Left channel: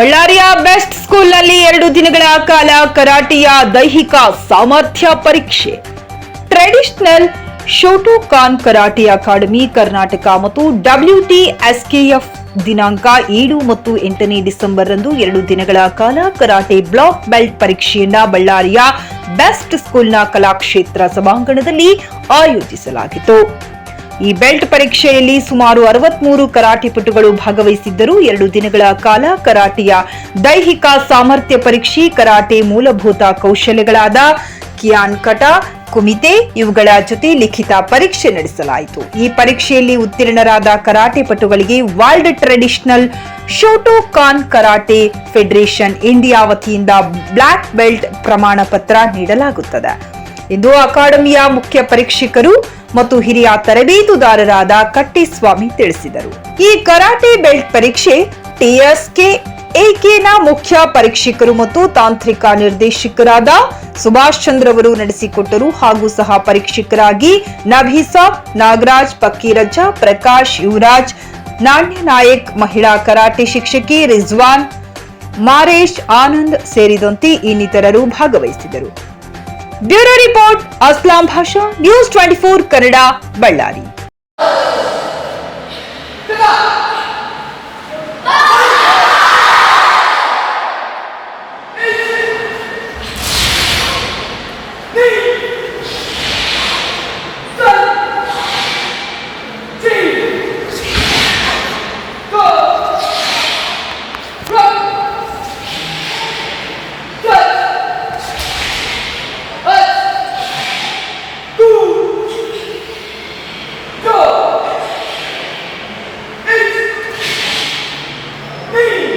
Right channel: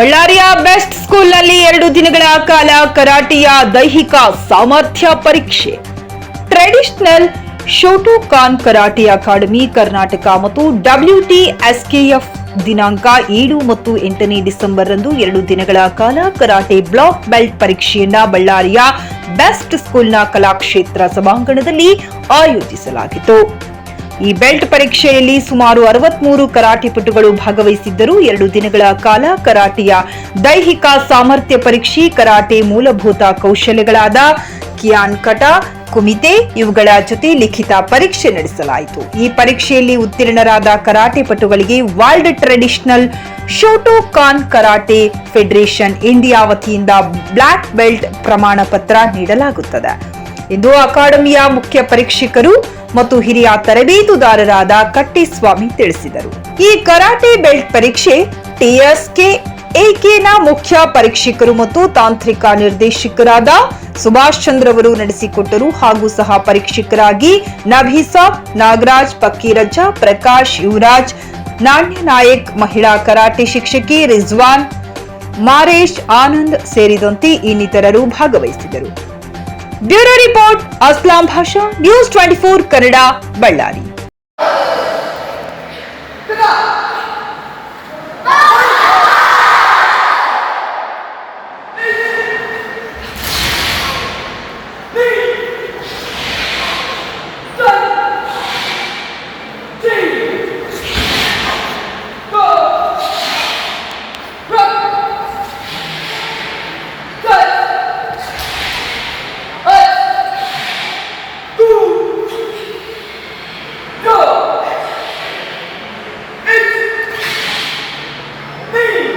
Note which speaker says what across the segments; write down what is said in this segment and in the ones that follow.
Speaker 1: ಬಳ್ಳಾರಿಯ ಬೆಸ್ಟ್ ಸ್ಕೂಲ್ನಲ್ಲಿ ಎರಡು ದಿನಗಳ ಕಾಲ ಕರಾಟೆಯ ದೈಹಿಕ ಸಾಮರ್ಥ್ಯ ಪರೀಕ್ಷೆ. Traditional Shotokan karate academy Karnataka ಮತ್ತು ಡಬ್ಲ್ಯೂಟಿ ಎಸ್ಕೆಎಫ್ ದಿನಾಂಕ ಏಳು ಮತ್ತು ಎಂಟನೇ ಡಿಸೆಂಬರ್ ರಂದು ಎರಡು ದಿನಗಳ ಕಾಲ ಕರಾಟೆ ಬ್ಲಾಕ್ ಬೆಲ್ಟ್ ಪರೀಕ್ಷೆಯನ್ನ ಬಳ್ಳಾರಿಯ ಬೆಸ್ಟ್ ಸ್ಕೂಲ್ನ ಕಲಾಕ್ಷೇತ್ರ ಸಭಾಂಗಣದಲ್ಲಿ ಆಯೋಜಿಸಲಾಗಿತ್ತು. ಈ ಬೆಲ್ಟ್ ಪರೀಕ್ಷೆಯಲ್ಲಿ ಸುಮಾರು ಅರವತ್ಮೂರು ಕರಾಟೆಪಟುಗಳು ಭಾಗವಹಿಸಿದ್ದರು. ಎರಡು ದಿನಗಳ ಕಾಲ ಕರಾಟೆಯ ದೈಹಿಕ ಸಾಮರ್ಥ್ಯ ಪರೀಕ್ಷೆ, ಕರಾಟೆ ಮೂಲಭೂತ ಕೌಶಲ್ಯಗಳಾದ ಕಿಯಾನ್ ಕಟ, ಕುಮಿತೆ ಇವುಗಳ ಜೊತೆ ಲಿಖಿತ ಪರೀಕ್ಷೆ ನಡೆಸಲಾಯಿತು. ಈ ಪರೀಕ್ಷೆಯಲ್ಲಿ ಉತ್ತೀರ್ಣರಾದ karate ಪಟುಗಳಿಗೆ world traditional Shotokan karate federation India ವತಿಯಿಂದ ಬ್ಲಾಕ್ ಬೆಲ್ಟ್ ಪ್ರಮಾಣ ಪತ್ರ ನೀಡಲಾಗುತ್ತದೆ. ಇಂದು ಅಕಾಡೆಮಿಯ ಮುಖ್ಯ ಪರೀಕ್ಷಕರು ಮತ್ತು ಹಿರಿಯ ತರಬೇತುದಾರರಾದ ಕಟ್ಟಿಸ್ವಾಮಿ ತಿಳಿಸಿದರು. ಈ ಕರಾಟೆ ಬೆಲ್ಟ್ ಪರೀಕ್ಷೆ ಟಿಎಸ್ಕೆ ಎಕೆನ ಮುಖ್ಯ ಪರೀಕ್ಷಕರು ಮತ್ತು ತಾಂತ್ರಿಕ ನಿರ್ದೇಶಕರಾದ ಸುಭಾಷ್ ಚಂದ್ರ ಅವರು ನಡೆಸಿಕೊಟ್ಟರು ಹಾಗೂ ಸಹ ಪರೀಕ್ಷಕರಾಗಿ ನಭೀಸಾಬ್ ನಾಗರಾಜ್ ಪಕ್ಕೀರಜ್ಜ ಪ್ರಕಾಶ್, ಯುವರಾಜ್, ನಾಣ್ಯ ನಾಯಕ್, ಮಹಿಳಾ ಕರಾಟೆ ಶಿಕ್ಷಕಿ ರಿಜ್ವಾನ್, ಮಾರೇಶ್, ಆನಂದ್ ಸೇರಿದಂತೆ ಇನ್ನಿತರರು ಭಾಗವಹಿಸಿದರು. bureau report Aslam Basha news twenty four Kannada Ballari
Speaker 2: clap
Speaker 3: ಆನಂದ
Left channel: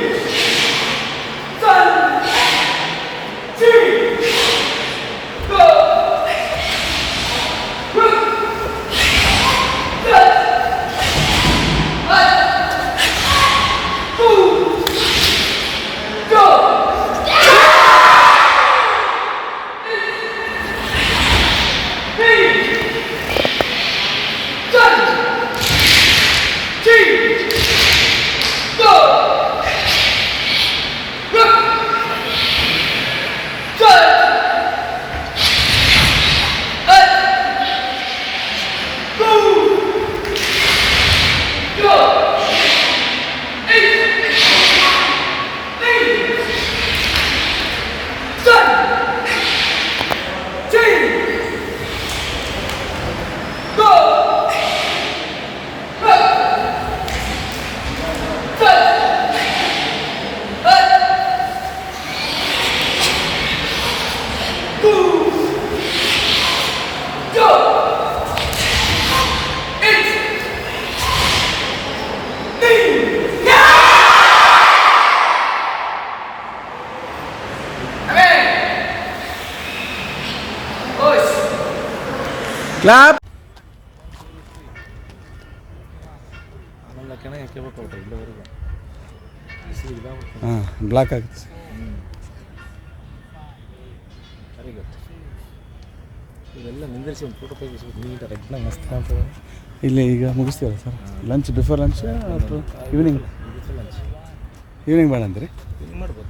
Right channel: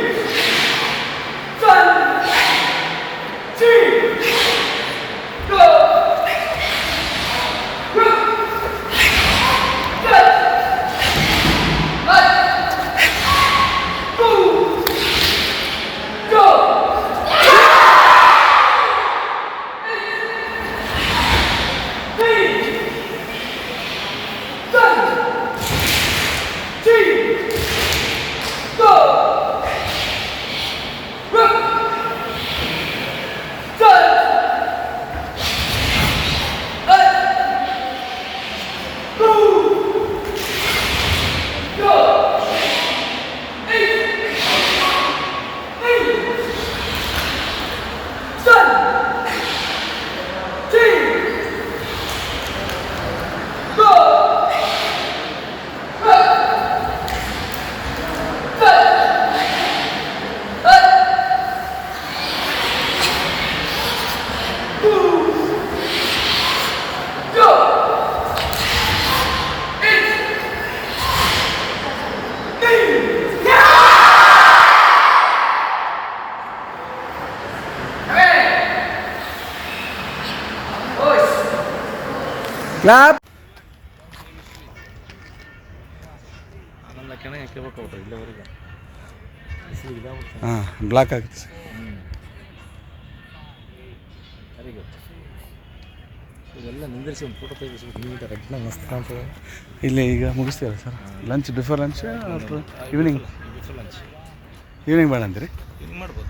Speaker 3: ಇಲ್ಲಿವರೆಗೆ
Speaker 2: ಹಾಂ ಬ್ಲಾಕ್ ಆಗುತ್ತೆ ಸರ್ ಇಲ್ಲಿ ಈಗ ಮುಗಿಸ್ತೀರಾ sir? Lunch before lunch evening
Speaker 3: lunch
Speaker 2: evening ಬೇಡ ಅಂತೀರಿ
Speaker 3: ಮಾಡ್ಬೋದು.